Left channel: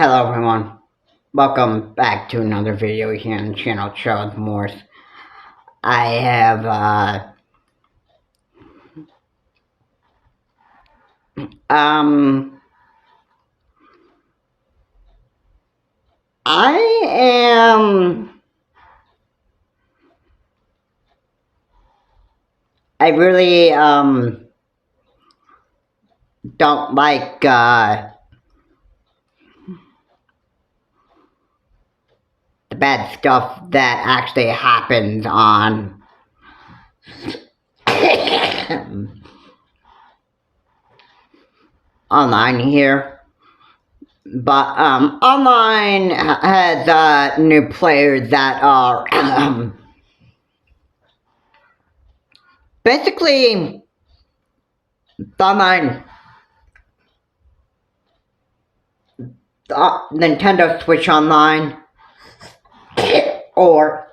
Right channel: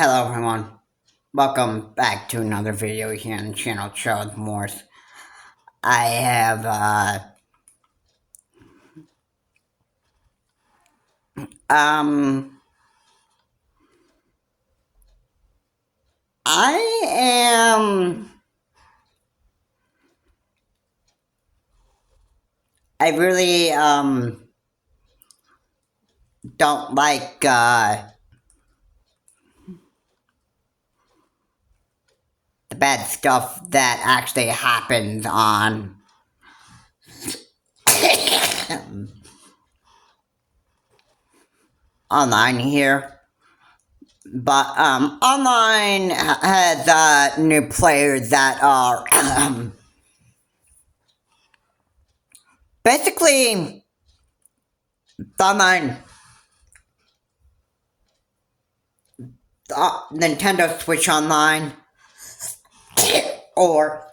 Hello everyone, welcome back to another video here on the channel Charles Morse. I have, I am, I really, don't like, the bad stuff that actually happens on online here. But, online has, new players that are, basically, the online, Nintendo Switch Online, or,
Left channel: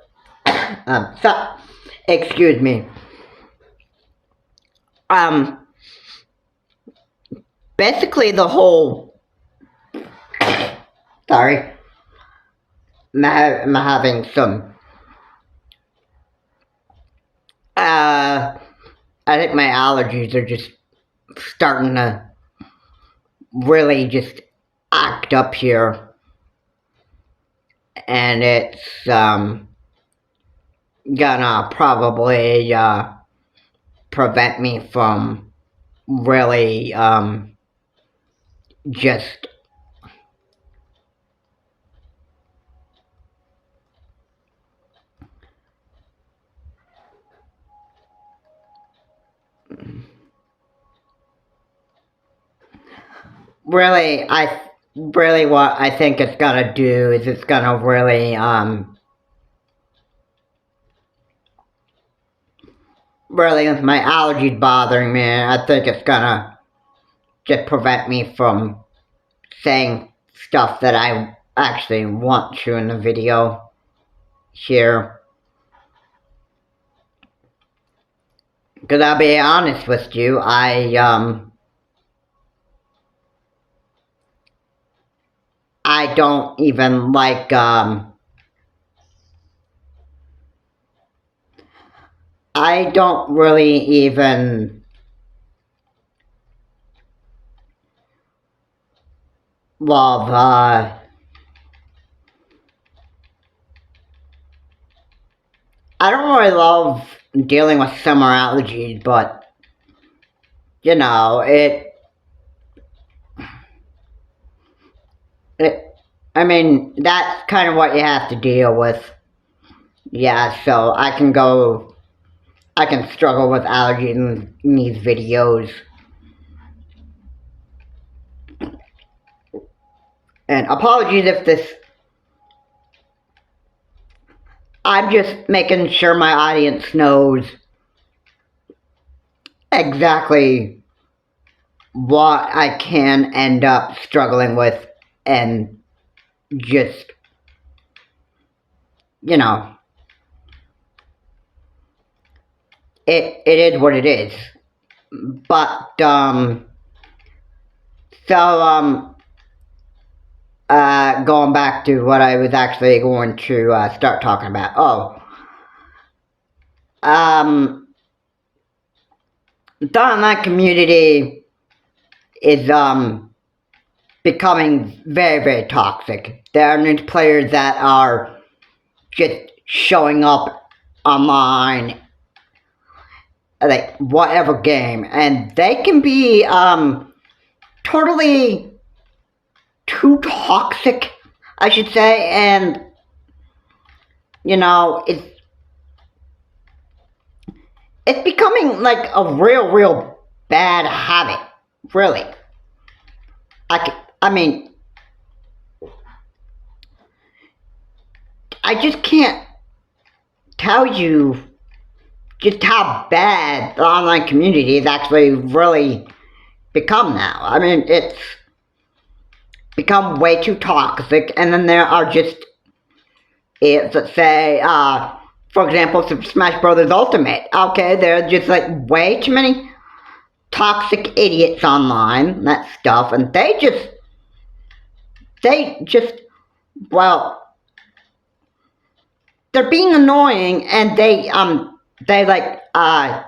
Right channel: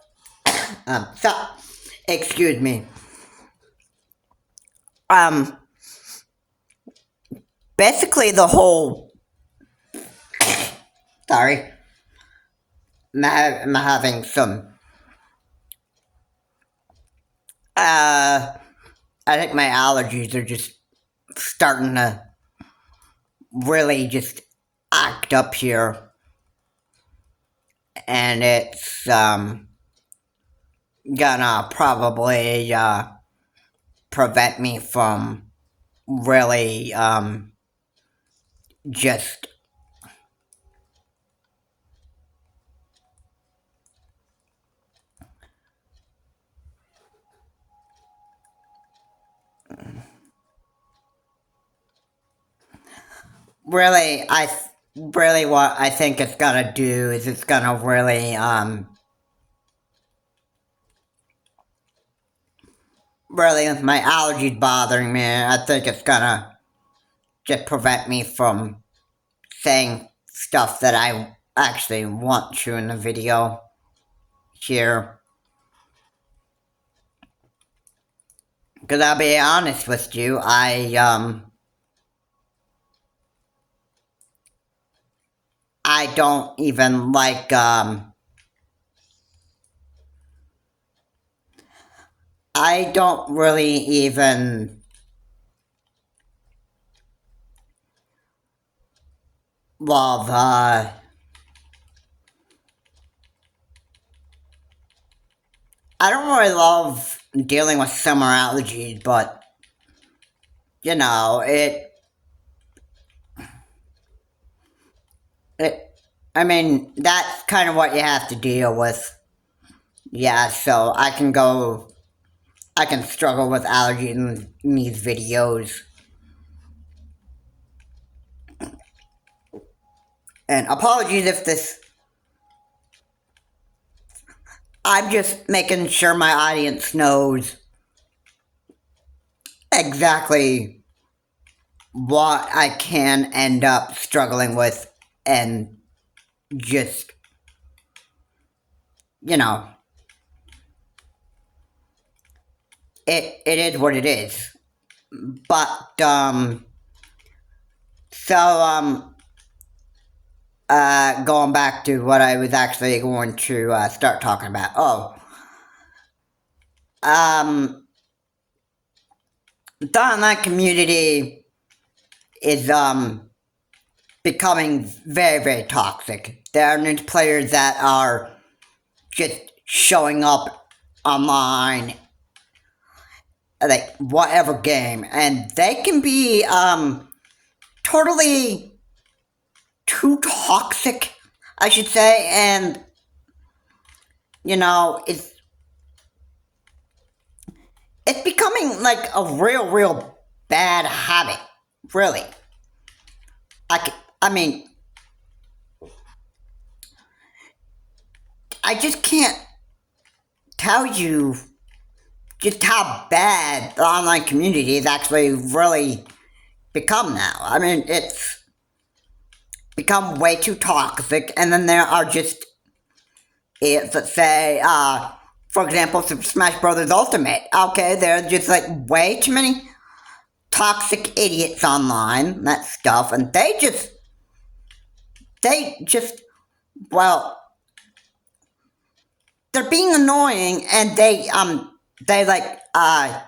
excuse me, basically the whole, sorry, I'm having some, I think my allergies are just starting to really just act up here, and it's, gonna probably, prevent me from really, just really, really what I think it's gonna do is it's gonna really, really, if my allergies bothering me, I think it's gonna just prevent me from saying stuff that I actually want to in the video here. Because I'll be honest with you, I don't even like, I don't really even love, I don't really love dealing with summer allergies, but, you know, I mean, that's kind of what you have to deal with. Yeah, so I can struggle with allergies in these videos. And apologies if this, I'm just making sure my audience knows exactly what I can end up struggling with, and just, you know, it is what it is. But, going back to what I was actually going to, start talking about. The online community is, becoming very, very toxic. There are new players that are just showing up online, like, whatever game, and they can be, totally too toxic, I should say, and, you know, it's becoming like a real bad habit, really. I mean, I just can't tell you just how bad the online community has actually really become now. I mean, it's become way too toxic, and then there are just, let's say, for example, Super Smash Bros. Ultimate. Okay, there are just like way too many toxic idiots online, that stuff, and they they just, well, they're being annoying, and they like, I'd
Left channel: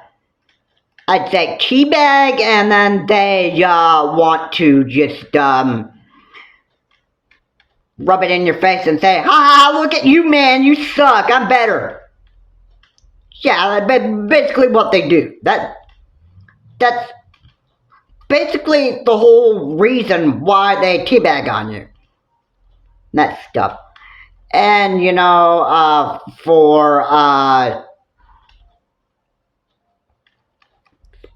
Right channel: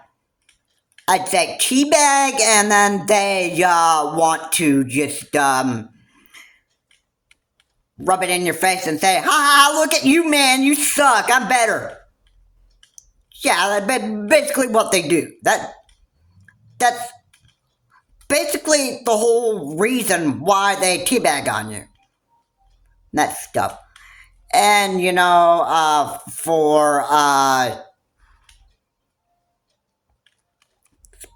say teabag, and then they, want to just, rub it in your face and say, ha ha, look at you, man, you suck, I'm better. Yeah, that's basically what they do. That's basically the whole reason why they teabag on you. That stuff. And, for,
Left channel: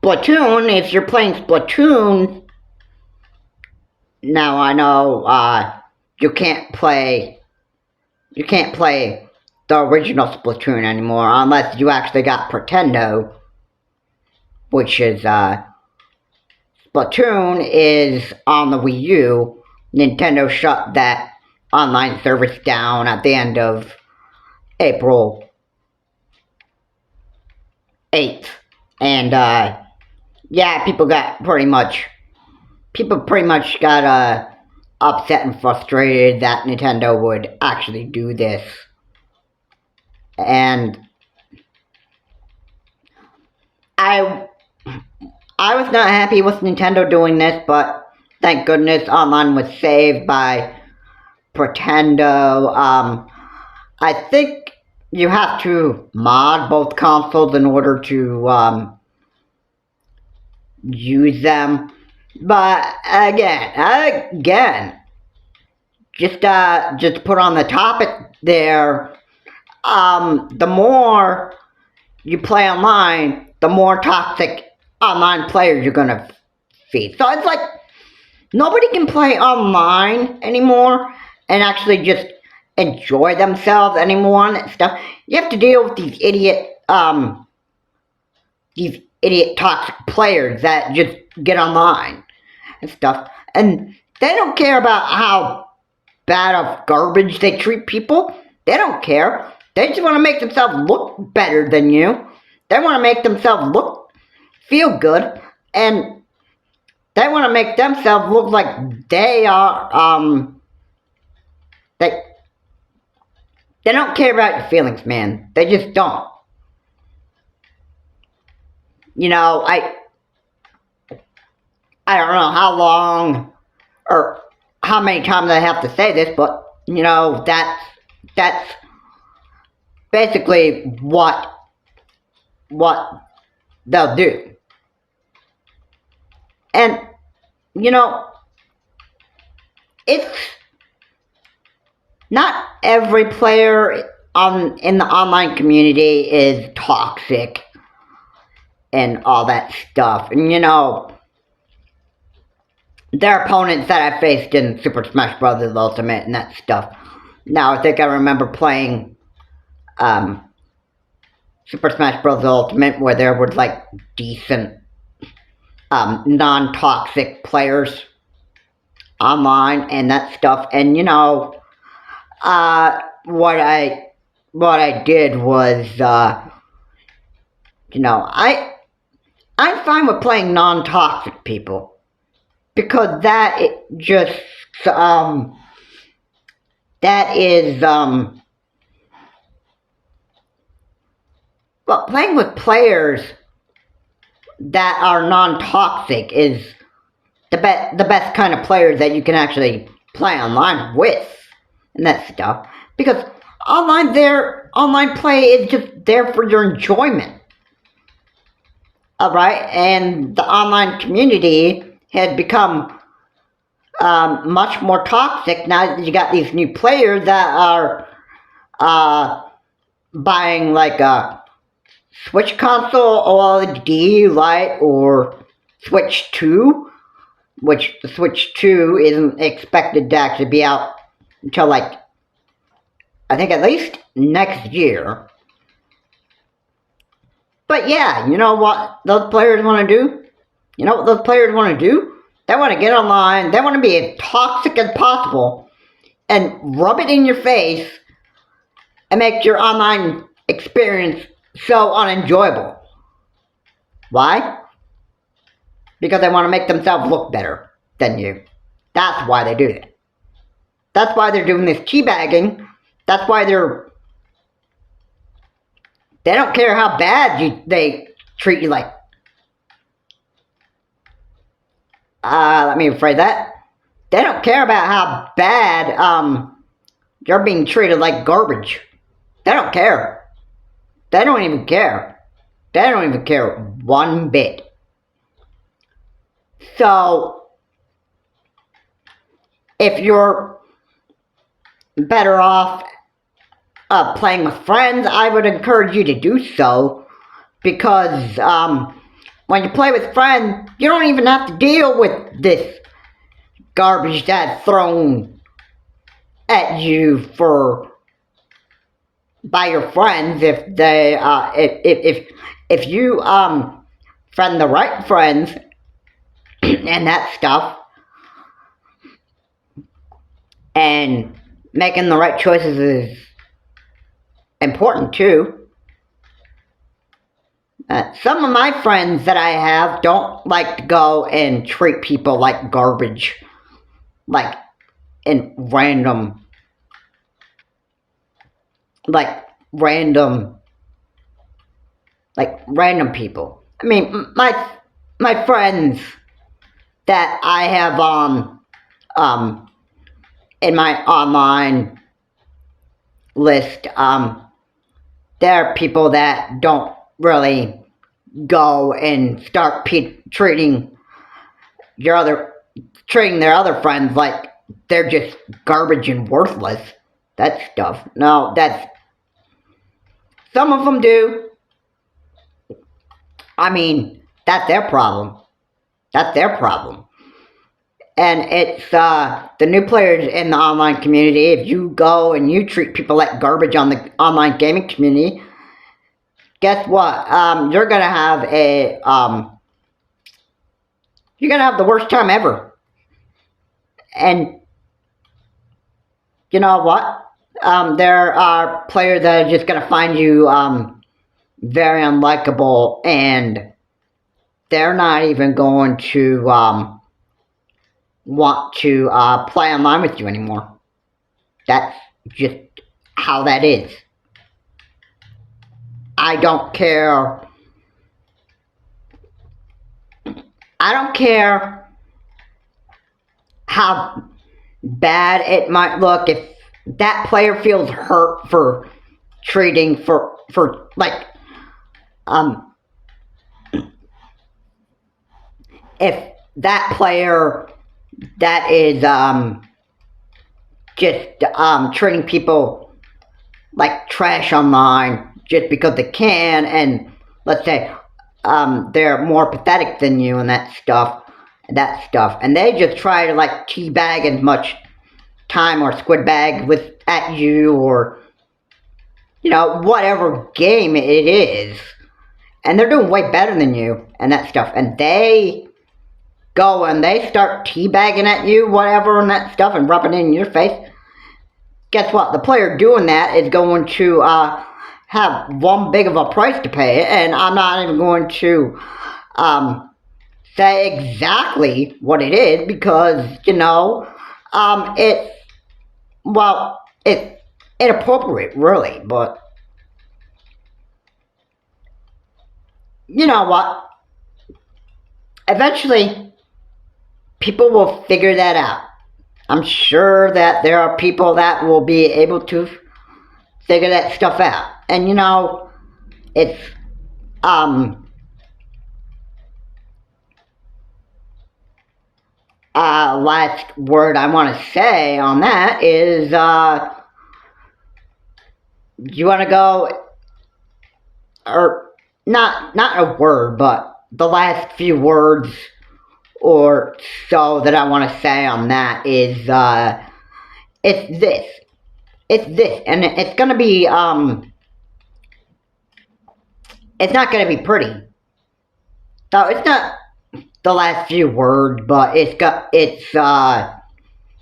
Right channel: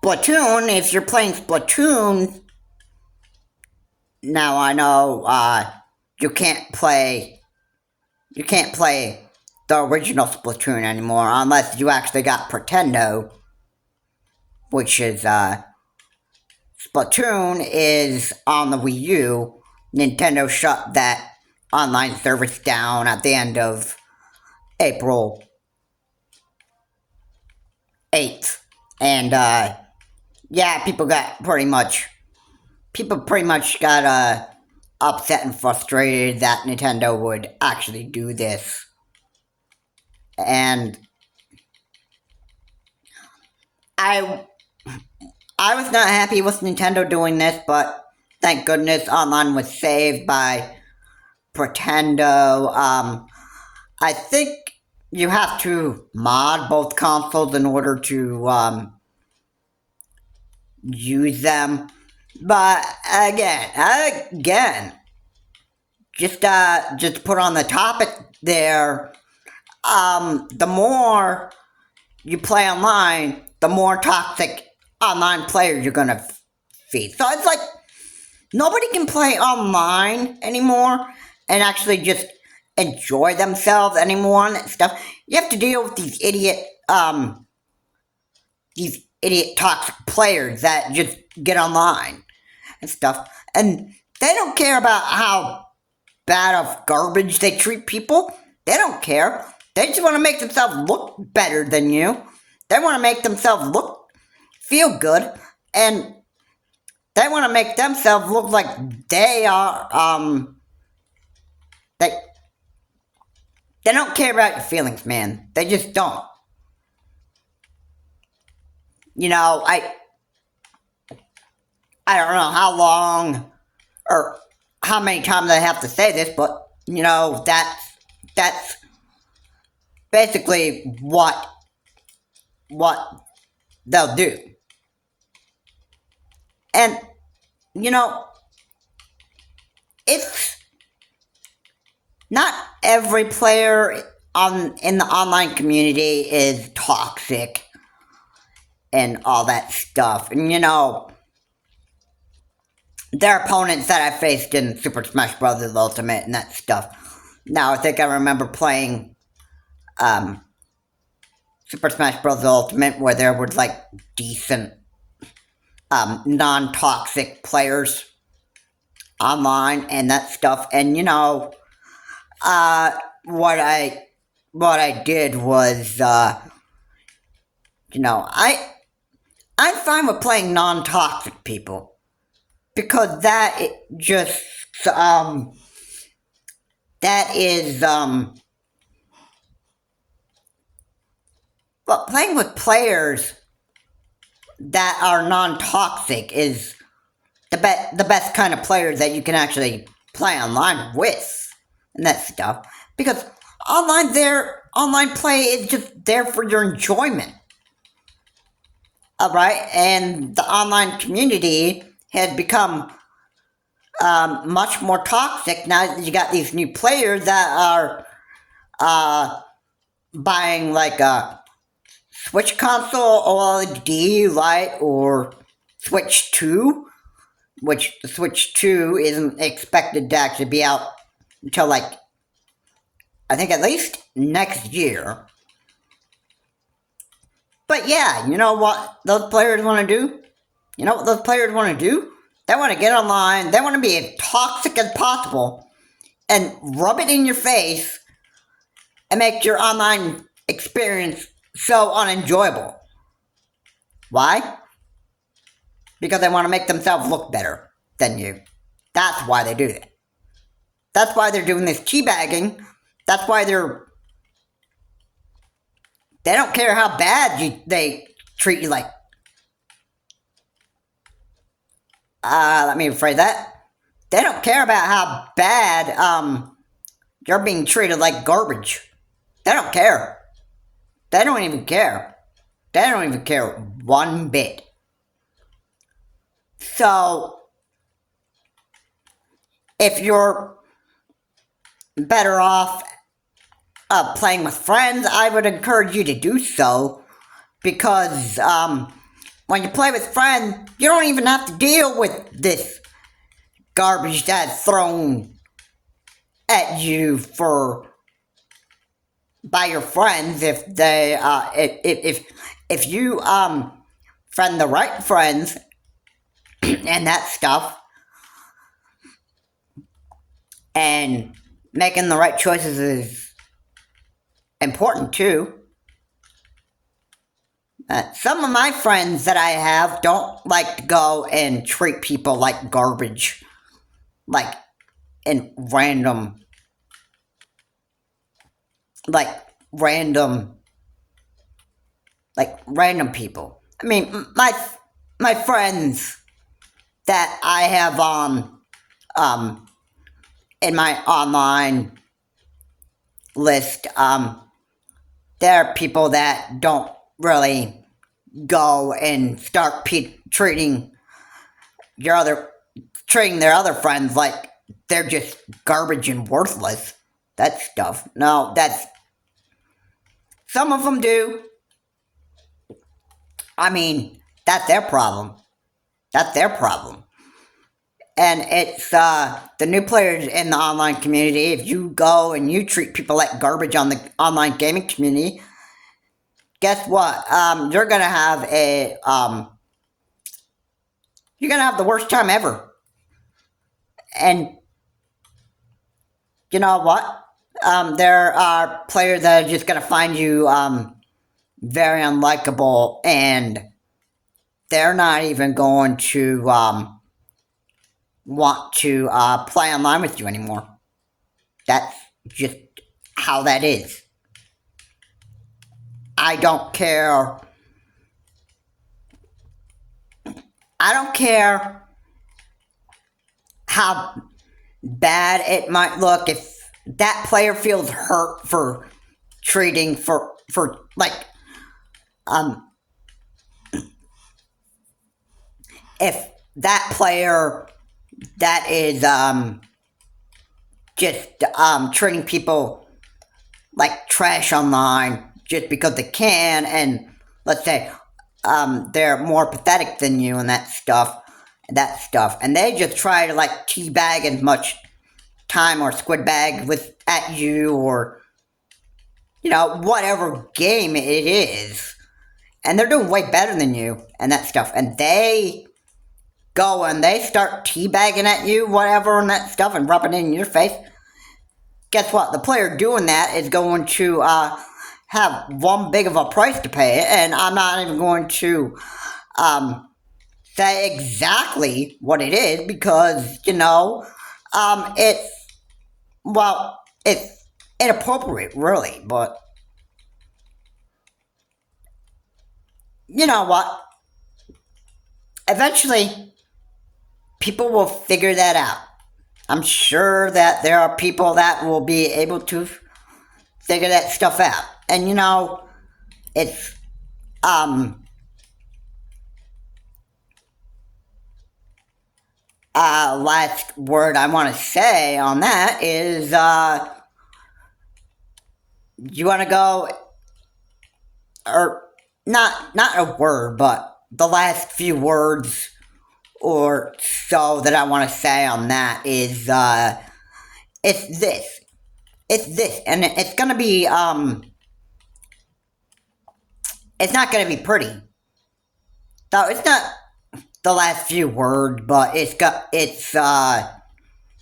Splatoon, if you're playing Splatoon, now I know, you can't play the original Splatoon anymore unless you actually got Pretendo, which is, Splatoon is on the Wii U. Nintendo shut that online service down at the end of April 8th. And, yeah, people pretty much got, upset and frustrated that Nintendo would actually do this. And I was not happy with Nintendo doing this, but thank goodness online was saved by Pretendo. I think you have to mod both consoles in order to use them. But again, just put on the topic there. The more you play online, the more toxic online players you're gonna feed. So it's like nobody can play online anymore and actually just enjoy themselves anymore and stuff. You have to deal with these idiot toxic players that just get online and stuff, and they don't care about how bad of garbage they treat people. They don't care. They just want to make themselves look better than you. They want to make themselves feel good, and they want to make themselves look like they are, they don't care about your feelings, man. They just don't. I don't know how long or how many times I have to say this, but, that's basically what they'll do. And, it's not every player in the online community is toxic and all that stuff. And, there are opponents that I faced in Super Smash Bros. Ultimate and that stuff. Now, I think I remember playing Super Smash Bros. Ultimate where there was, decent, non-toxic players online and that stuff. And, what I did was, I'm fine with playing non-toxic people. Because that is, but playing with players that are non-toxic is the best kind of players that you can actually play online with, and that stuff. Because online play is just there for your enjoyment. Alright, and the online community had become much more toxic now that you got these new players that are buying a Switch console OLED Lite or Switch 2, which the Switch 2 isn't expected to actually be out until I think at least next year. But yeah, you know what those players want to do? They want to get online, they want to be as toxic as possible and rub it in your face and make your online experience so unenjoyable. Why? Because they want to make themselves look better than you. That's why they do that. That's why they're doing this teabagging. That's why they don't care how bad they treat you. Like, let me rephrase that. They don't care about how bad you're being treated like garbage. They don't care. They don't even care. They don't even care one bit. So, if you're better off playing with friends, I would encourage you to do so, because when you play with friends, you don't even have to deal with this garbage that's thrown at you by your friends. If they if you friend the right friends and that stuff, and making the right choices is important too. Some of my friends that I have don't like to go and treat people like garbage, like in random people. I mean, my friends that I have in my online list, they're people that don't really go and start treating their other friends like they're just garbage and worthless. That stuff. No, some of them do. I mean, that's their problem. That's their problem. And it's the new players in the online community. If you go and you treat people like garbage on the online gaming community, guess what? You're gonna have the worst time ever. And you know what? There are players that are just gonna find you very unlikable, and they're not even going to want to play online with you anymore. That's just how that is. I don't care. I don't care how bad it might look if that player feels hurt for treating for like if that player that is just treating people like trash online just because they can, and let's say they're more pathetic than you and that stuff, and they just try to like teabag as much time or squid bag at you, or whatever game it is, and they're doing way better than you and that stuff, and they go and they start teabagging at you, whatever, and that stuff, and rubbing it in your face. Guess what? The player doing that is going to have one big of a price to pay, and I'm not even going to say exactly what it is, because it's inappropriate, really. But you know what? Eventually, people will figure that out. I'm sure that there are people that will be able to figure that stuff out. And it's last word I want to say on that is you want to go, or not a word, but the last few words or so that I want to say on that is it's this, and it's gonna be it's not gonna be pretty. So it's not the last few words, but it's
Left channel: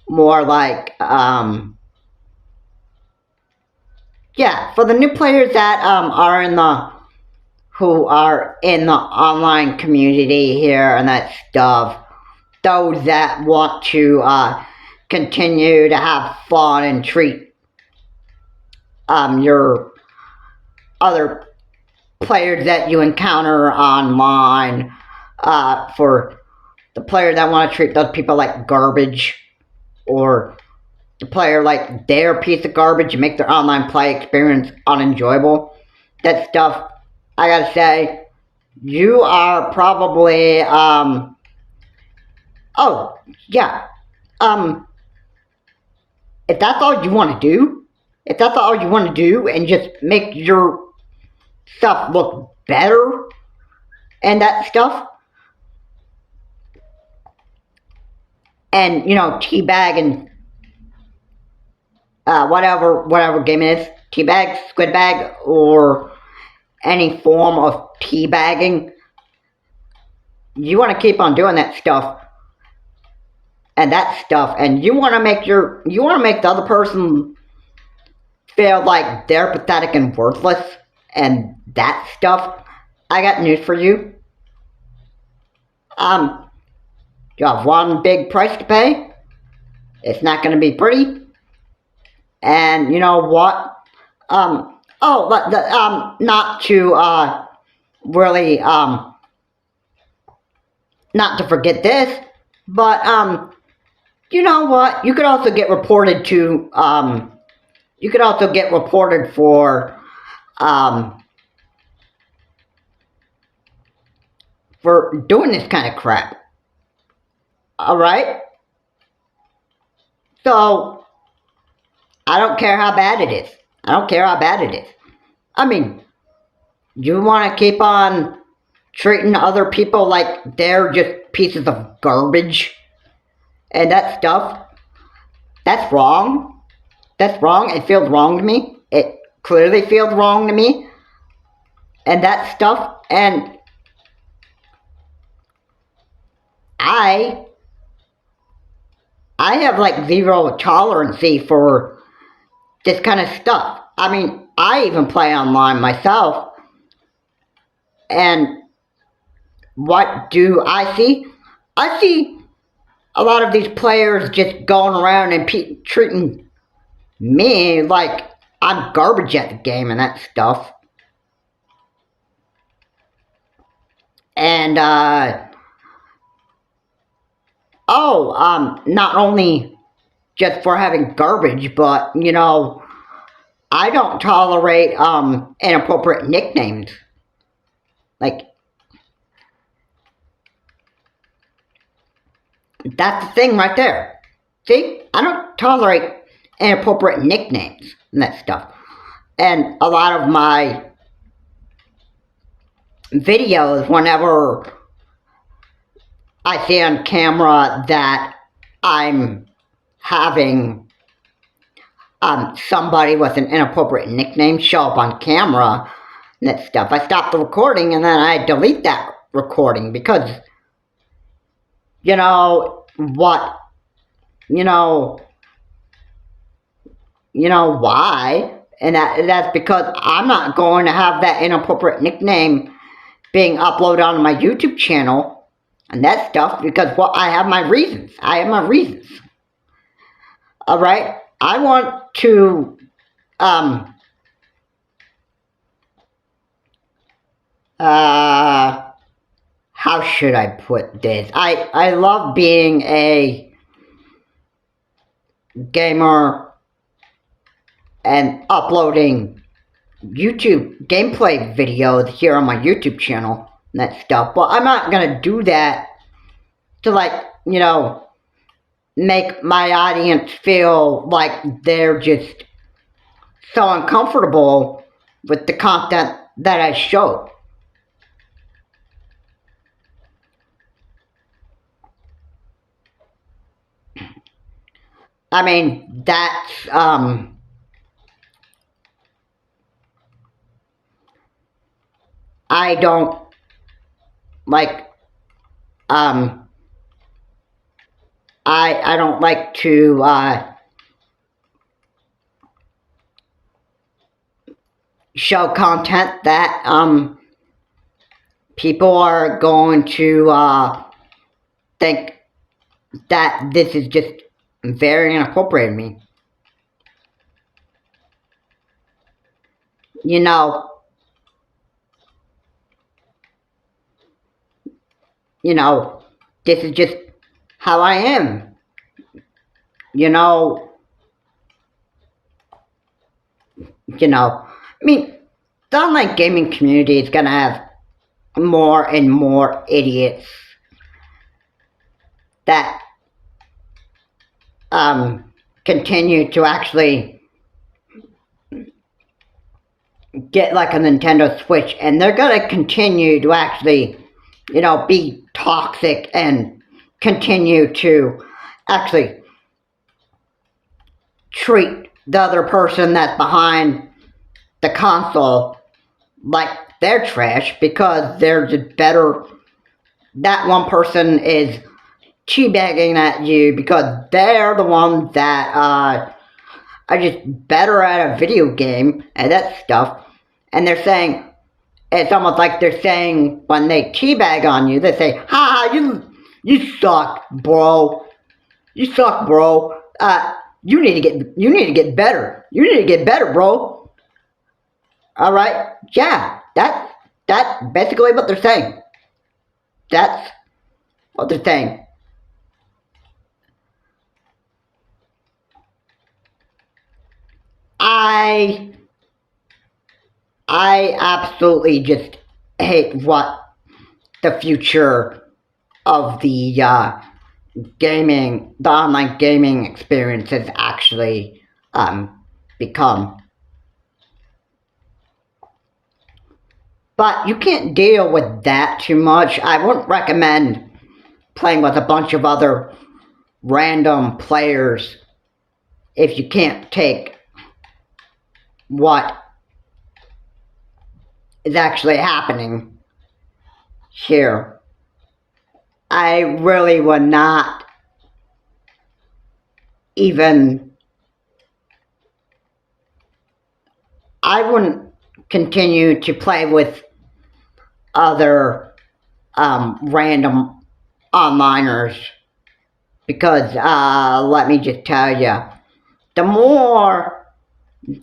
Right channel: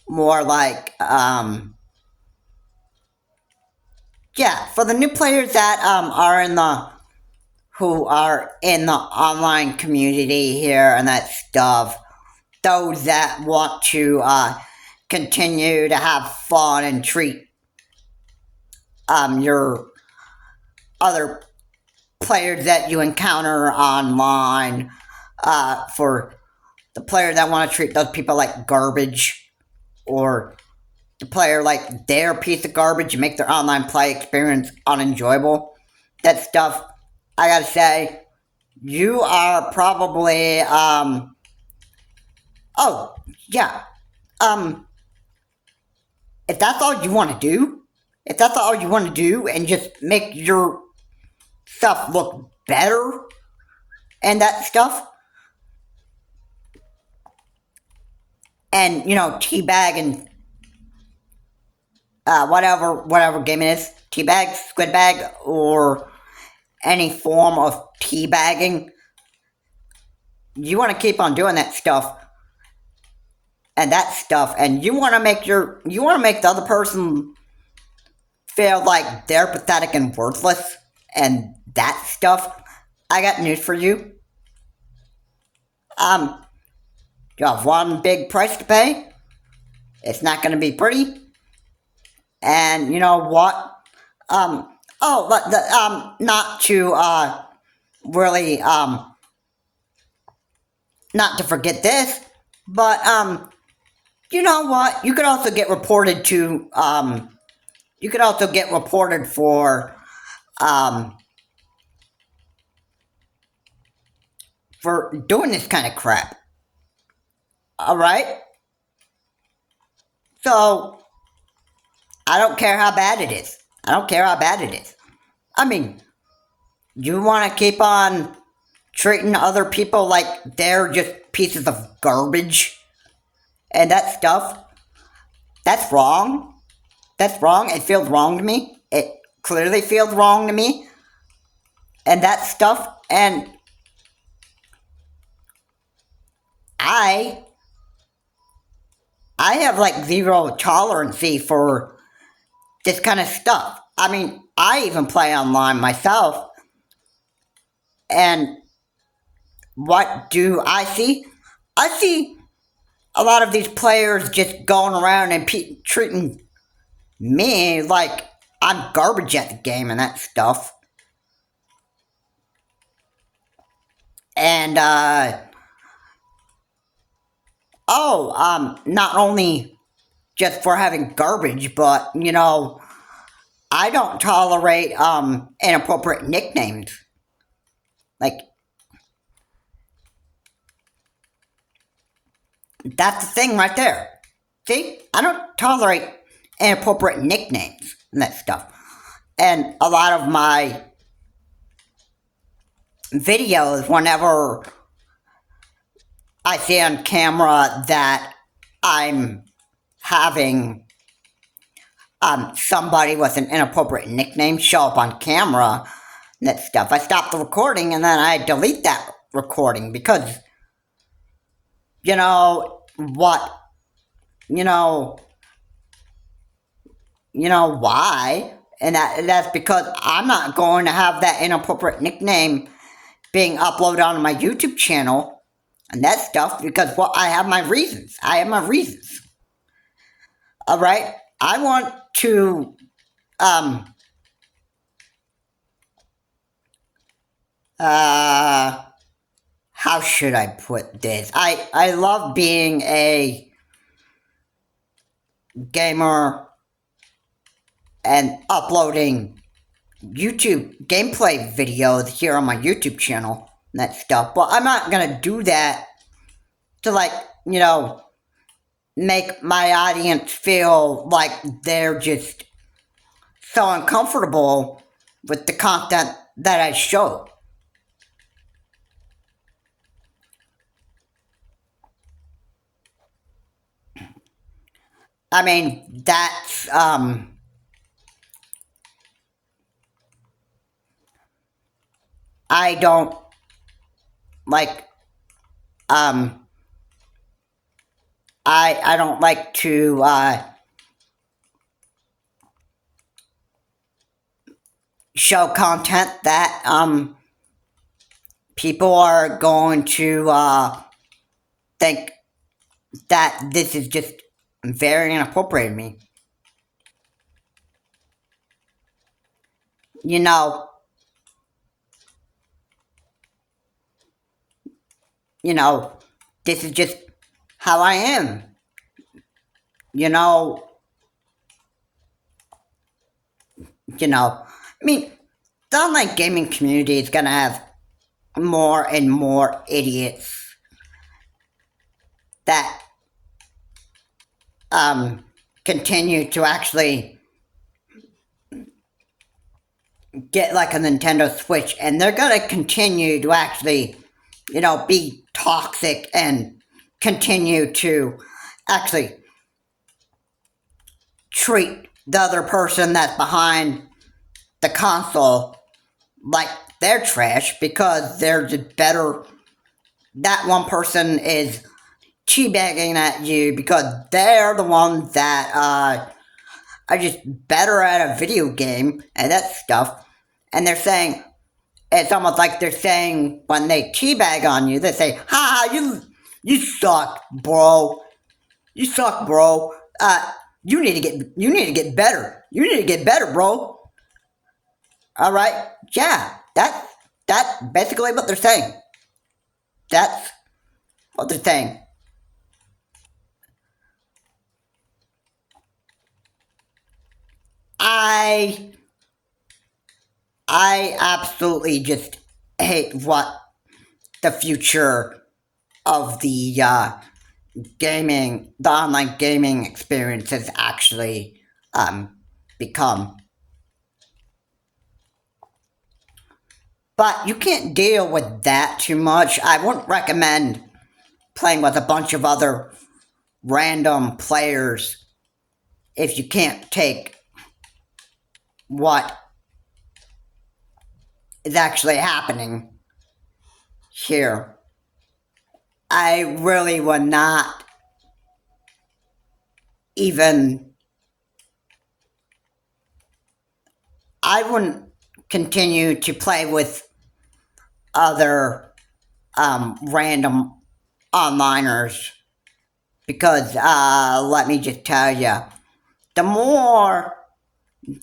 more like for the new players that who are in the online community here and that stuff, those that want to continue to have fun and treat your other players that you encounter online for the player that want to treat those people like garbage, or the player like they're a piece of garbage and make their online play experience unenjoyable. That stuff, I gotta say, you are probably oh yeah, if that's all you want to do, and just make your stuff look better and that stuff, and teabag and whatever game it is, teabag, squid bag, or any form of teabagging, you want to keep on doing that stuff, and you want to make the other person feel like they're pathetic and worthless, and that stuff. I got news for you. You have one big price to pay. It's not going to be pretty. And you know what? Not to really not to forget this, but you know what? You could also get reported to. You could also get reported for doing this kind of crap. All right. So I don't care how bad it is. I mean, you want to keep on treating other people like they're just pieces of garbage and that stuff. That's wrong. It feels wrong to me. It clearly feels wrong to me. And that stuff. And I have like zero tolerance for this kind of stuff. I mean, I even play online myself. And what do I see? I see a lot of these players just going around and treating me like I'm garbage at the game and that stuff. And, not only just for having garbage, but, I don't tolerate, inappropriate nicknames. Like, that's the thing right there. See? I don't tolerate inappropriate nicknames and that stuff. And a lot of my videos, whenever I see on camera that I'm having somebody with an inappropriate nickname show up on camera and that stuff, I stop the recording and then I delete that recording because, why? And that's because I'm not going to have that inappropriate nickname being uploaded onto my YouTube channel and that stuff because, I have my reasons. All right? I want to, how should I put this? I love being a gamer and uploading YouTube gameplay videos here on my YouTube channel and that stuff. But I'm not going to do that to make my audience feel like they're just so uncomfortable with the content that I show. I mean, that's, I don't like, I don't like to, show content that, people are going to, think that this is just very inappropriate of me. You know, you know, this is just how I am. You know, I mean, the online gaming community is gonna have more and more idiots that continue to actually get like a Nintendo Switch, and they're gonna continue to actually, be toxic and continue to actually treat the other person that's behind the console like they're trash because they're just better. That one person is teabagging at you because they're the ones that are just better at a video game and that stuff. And they're saying, it's almost like they're saying when they teabag on you, they say, "Ha, you suck, bro. You suck, bro. You need to get better. You need to get better, bro." All right, yeah, that's basically what they're saying. That's what they're saying. I I absolutely just hate what the future of the the online gaming experience has actually become. But you can't deal with that too much. I wouldn't recommend playing with a bunch of other random players if you can't take what is actually happening here. I really would not even. I wouldn't continue to play with other random onliners because let me just tell you, the more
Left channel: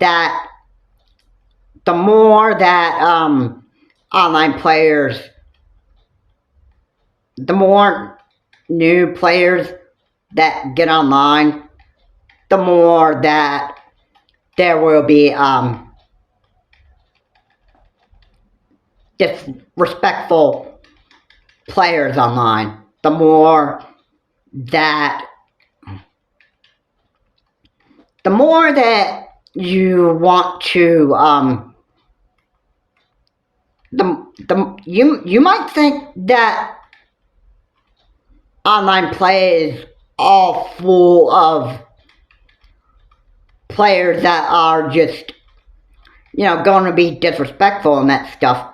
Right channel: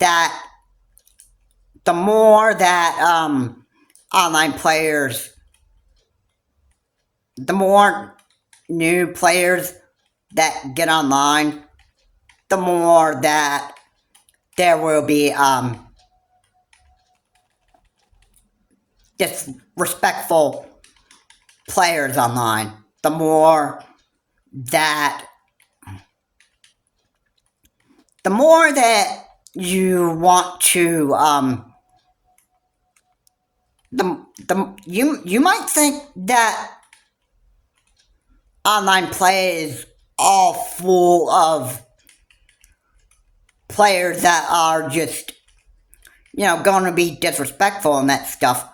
that online players, the more new players that get online, the more that there will be disrespectful players online. The more that you want to you might think that online play is all full of players that are just going to be disrespectful and that stuff.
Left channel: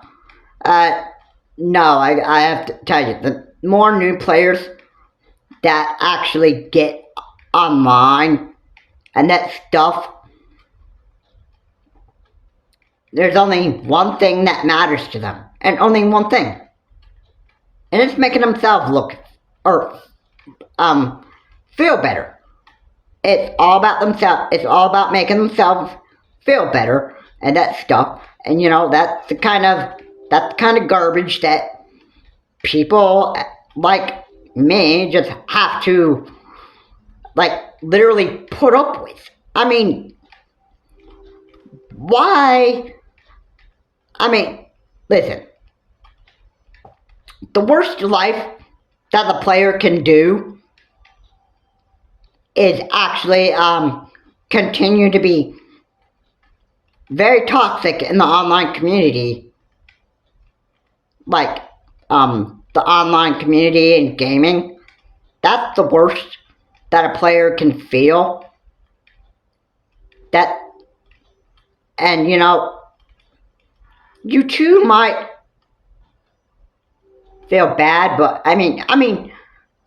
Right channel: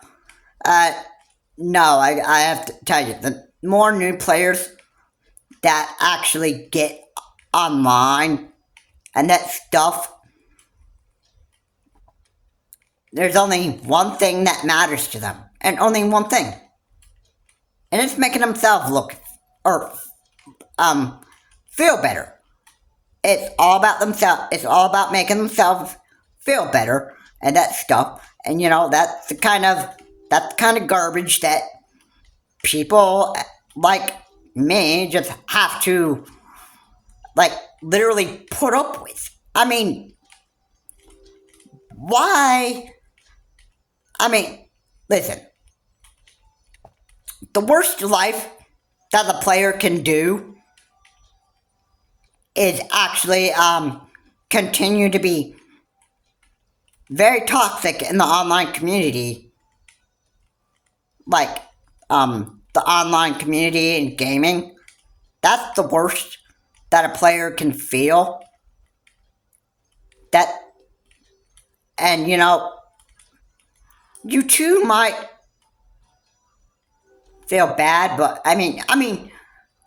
No, I have to tell you, the more new players that actually get online and that stuff, there's only one thing that matters to them, and only one thing, and it's making themselves look or feel better. It's all about themselves. It's all about making themselves feel better and that stuff. And that's the kind of garbage that people like me just have to literally put up with. I mean, why? I mean, listen. The worst life that the player can do is actually continue to be very toxic in the online community, like the online community in gaming. That's the worst that a player can feel. That, and you too might feel bad, but I mean,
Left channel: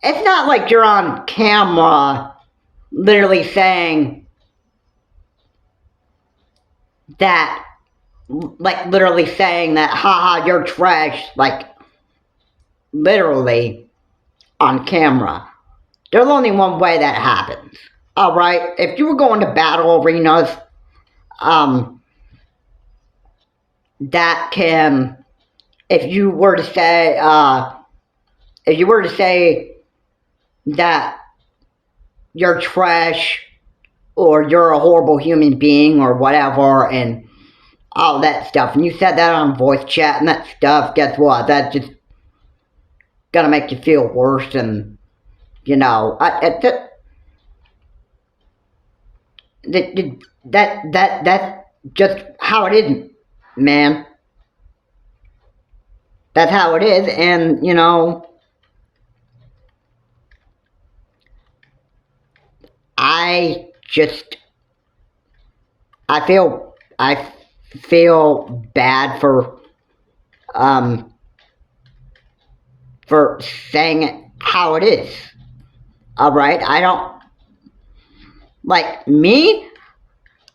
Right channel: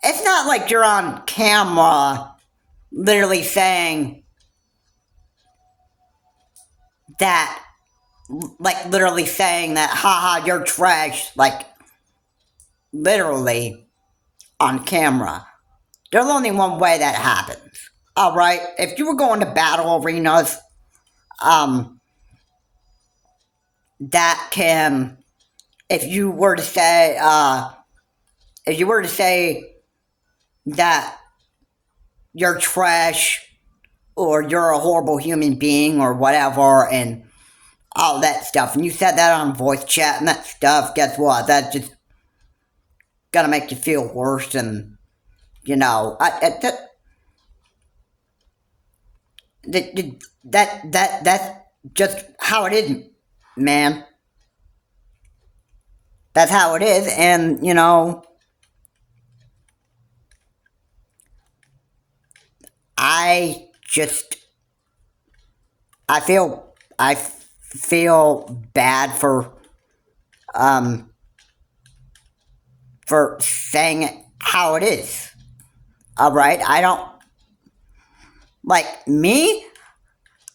it's not like you're on camera literally saying that, haha, you're trash, literally on camera. there's only one way that happens. All right, if you were going to battle arenas, um, that can, if you were to say, that you're trash or you're a horrible human being or whatever, and all that stuff, and you said that on voice chat and that stuff, guess what? That's just gonna make you feel worse, and that's just how it is, man. That's how it is, and I just I feel bad um for saying it how it is. All right, I don't like me.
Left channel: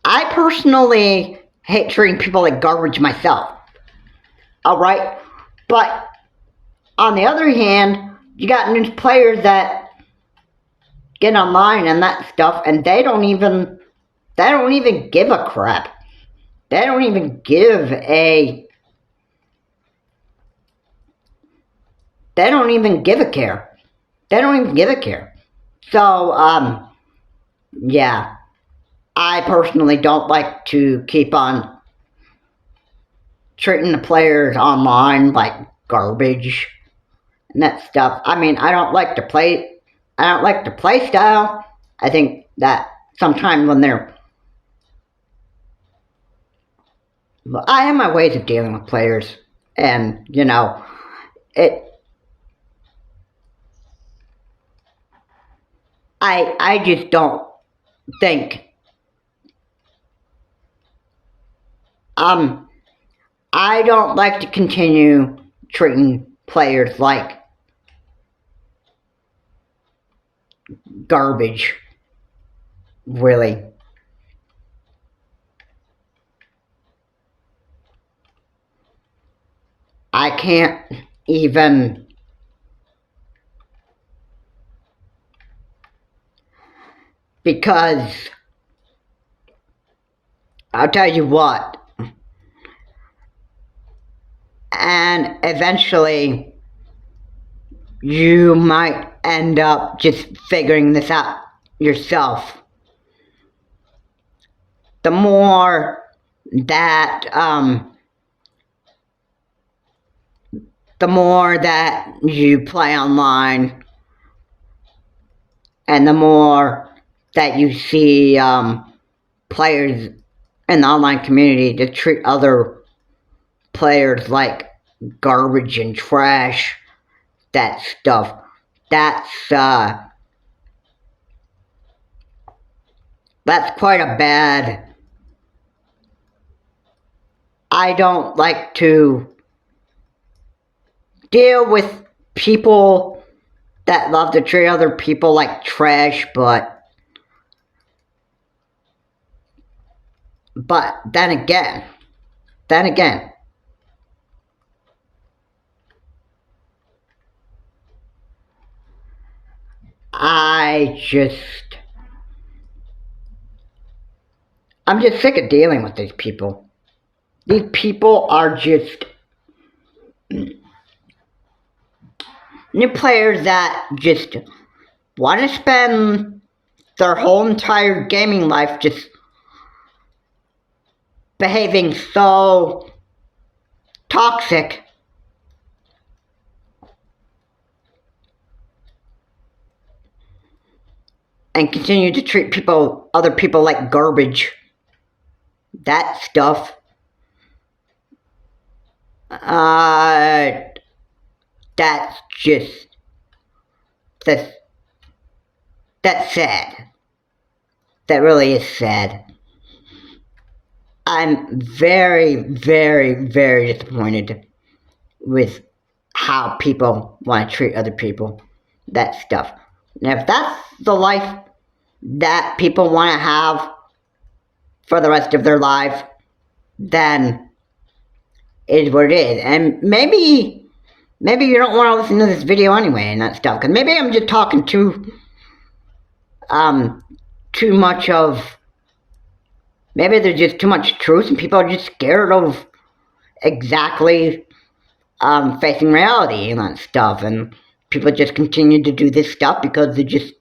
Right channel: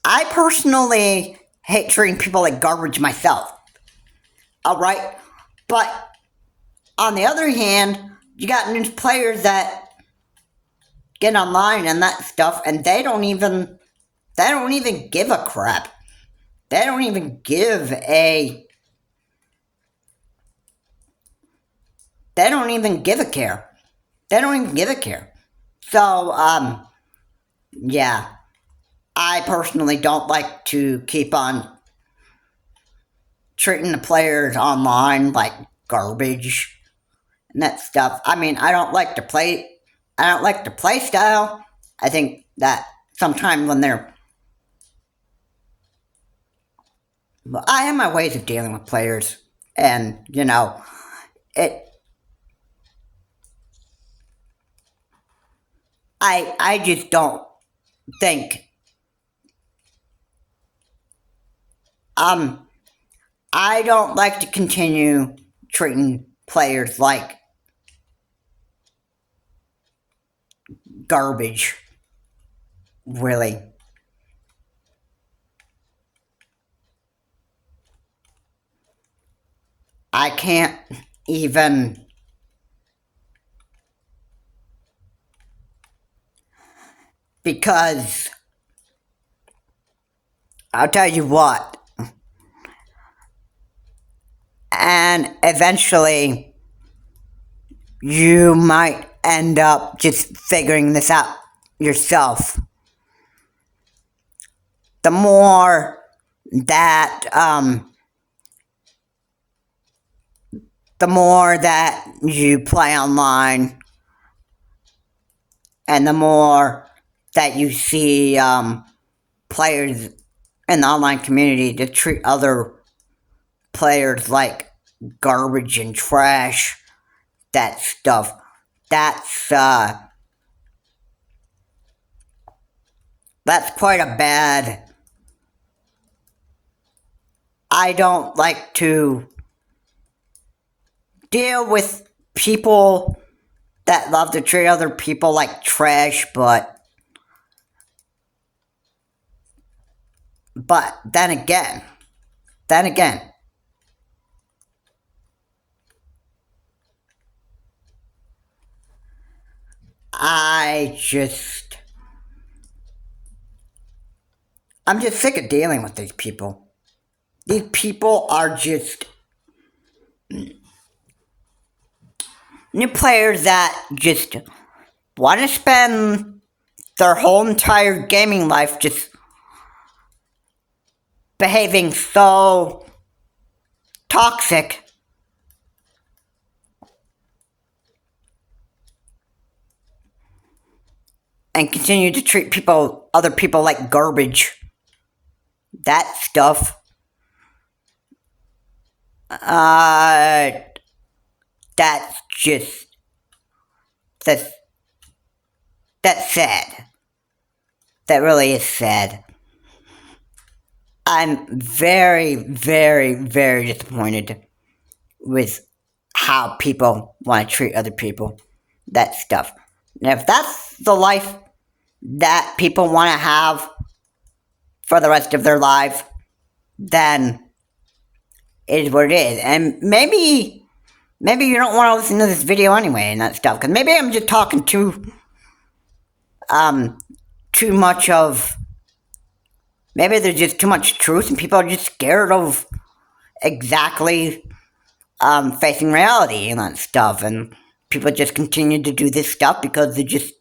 I personally hate treating people like garbage myself. All right, but on the other hand, you got new players that get online and that stuff, and they don't even give a crap. They don't even give a they don't even give a care. They don't even give a care. So, yeah, I personally don't like to keep on treating the players online like garbage and that stuff. I mean, I don't like the play style. I think that sometimes when they're, well, I have my ways of dealing with players, and it. I just don't think um I don't like to continue treating players like garbage. Really, I can't even, because I'll tell you what, and eventually you might end up just figuring this out yourself. The more that you play online, and the more that you see players in the online community to treat other players like garbage and trash, that stuff, that's quite a bad. I don't like to deal with people that love to treat other people like trash, but then again, I'm just sick of dealing with these people. These people are just new players that just want to spend their whole entire gaming life just behaving so toxic and continue to treat other people like garbage. That stuff, uh, that's just, that's, that's sad. That really is sad. I'm very, very, very disappointed with how people want to treat other people. That stuff. And if that's the life that people want to have for the rest of their life, then it is what it is. And maybe you don't want to listen to this video anyway and that stuff, because maybe I'm just talking too too much of, maybe there's just too much truth and people are just scared of exactly facing reality and that stuff, and people just continue to do this stuff because they're just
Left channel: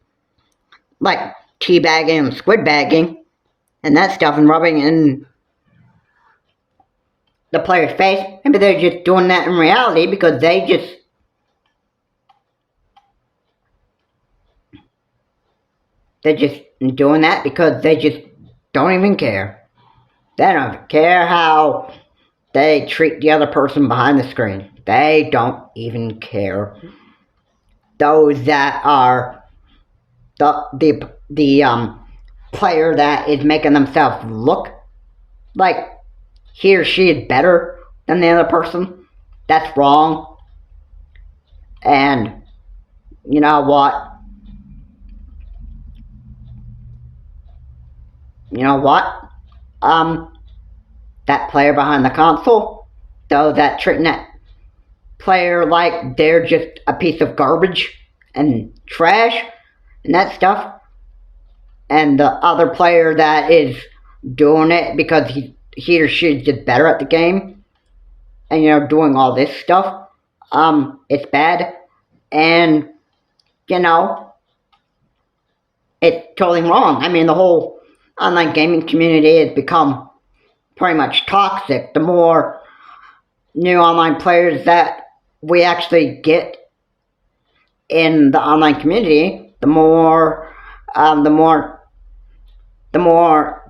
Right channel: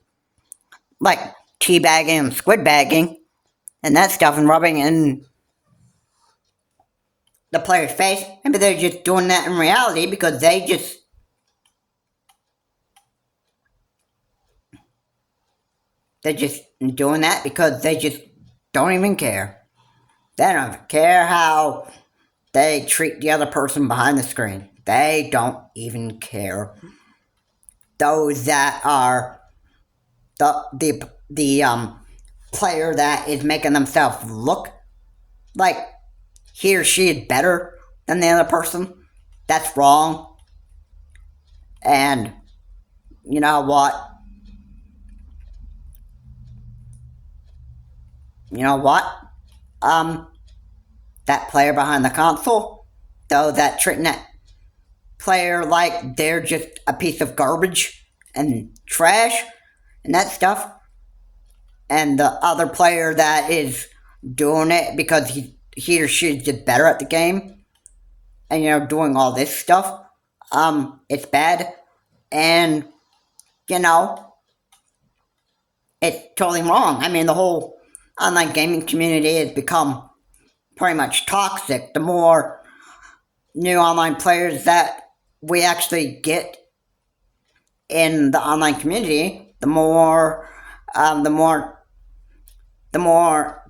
like teabagging and squid bagging and that stuff and rubbing in the player's face. Maybe they're just doing that in reality because they're just doing that because they just don't even care. They don't care how they treat the other person behind the screen. They don't even care. Those that are the player that is making themselves look like he or she is better than the other person, that's wrong. And you know what? That player behind the console, though, that treating that player like they're just a piece of garbage and trash and that stuff, and the other player that is doing it because he or she is just better at the game and doing all this stuff, it's bad. And it's totally wrong. I mean, the whole online gaming community has become pretty much toxic. The more new online players that we actually get in the online community, the more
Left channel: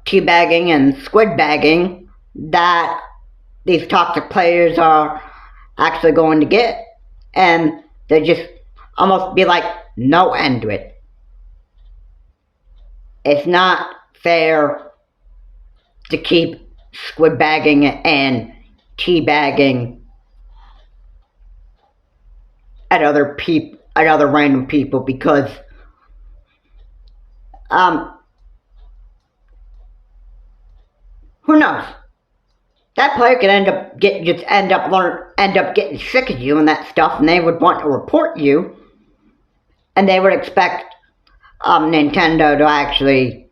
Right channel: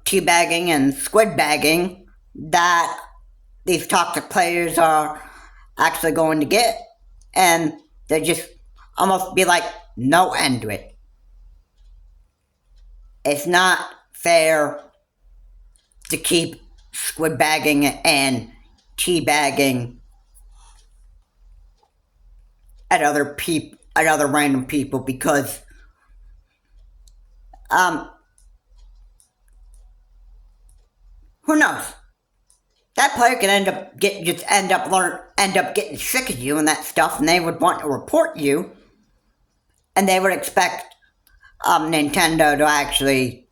teabagging and squid bagging that these toxic players are actually going to get, and they just almost be like no end to it. It's not fair to keep squid bagging and teabagging at other random people because who knows? That player could end up getting sick of you and that stuff, and they would want to report you, and they would expect Nintendo to actually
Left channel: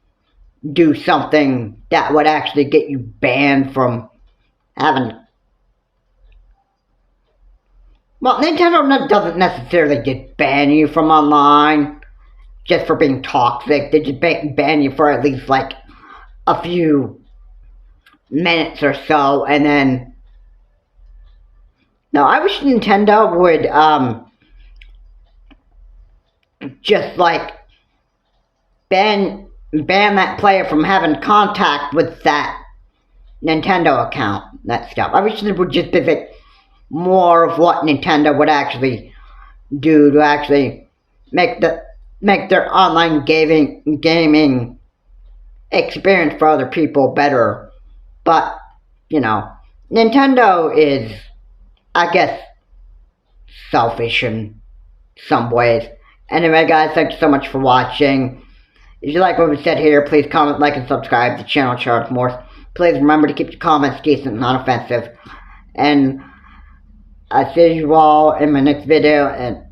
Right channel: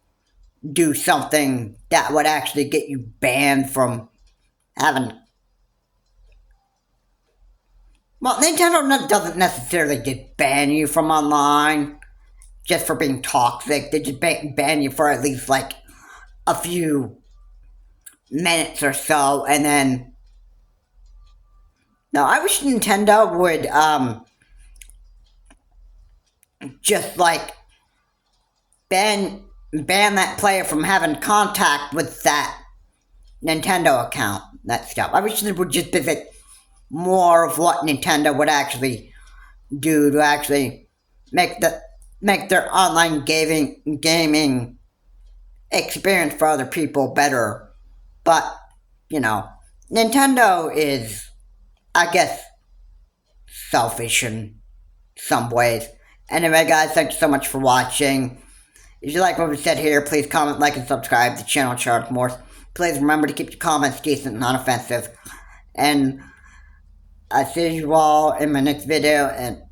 do something that would actually get you banned from having. Well, Nintendo doesn't necessarily just ban you from online just for being toxic. They just ban you for at least like a few minutes or so, and then no, I wish Nintendo would just like ban that player from having contact with that Nintendo account, that stuff. I wish they would just visit more of what Nintendo would actually do to actually make their online gaming experience for other people better. But, Nintendo is, I guess, selfish in some ways. Anyway, guys, thank you so much for watching. If you like what we said here, please comment, like, and subscribe to the channel, Charles Morse. Please remember to keep your comments decent and non-offensive. And I'll see you all in my next video. And,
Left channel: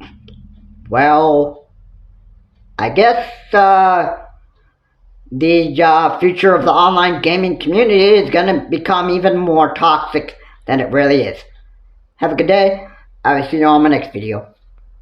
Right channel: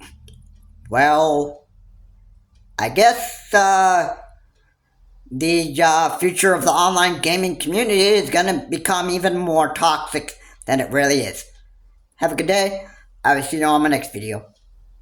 well, I guess the future of the online gaming community is going to become even more toxic than it really is. Have a good day. I will see you all in my next video.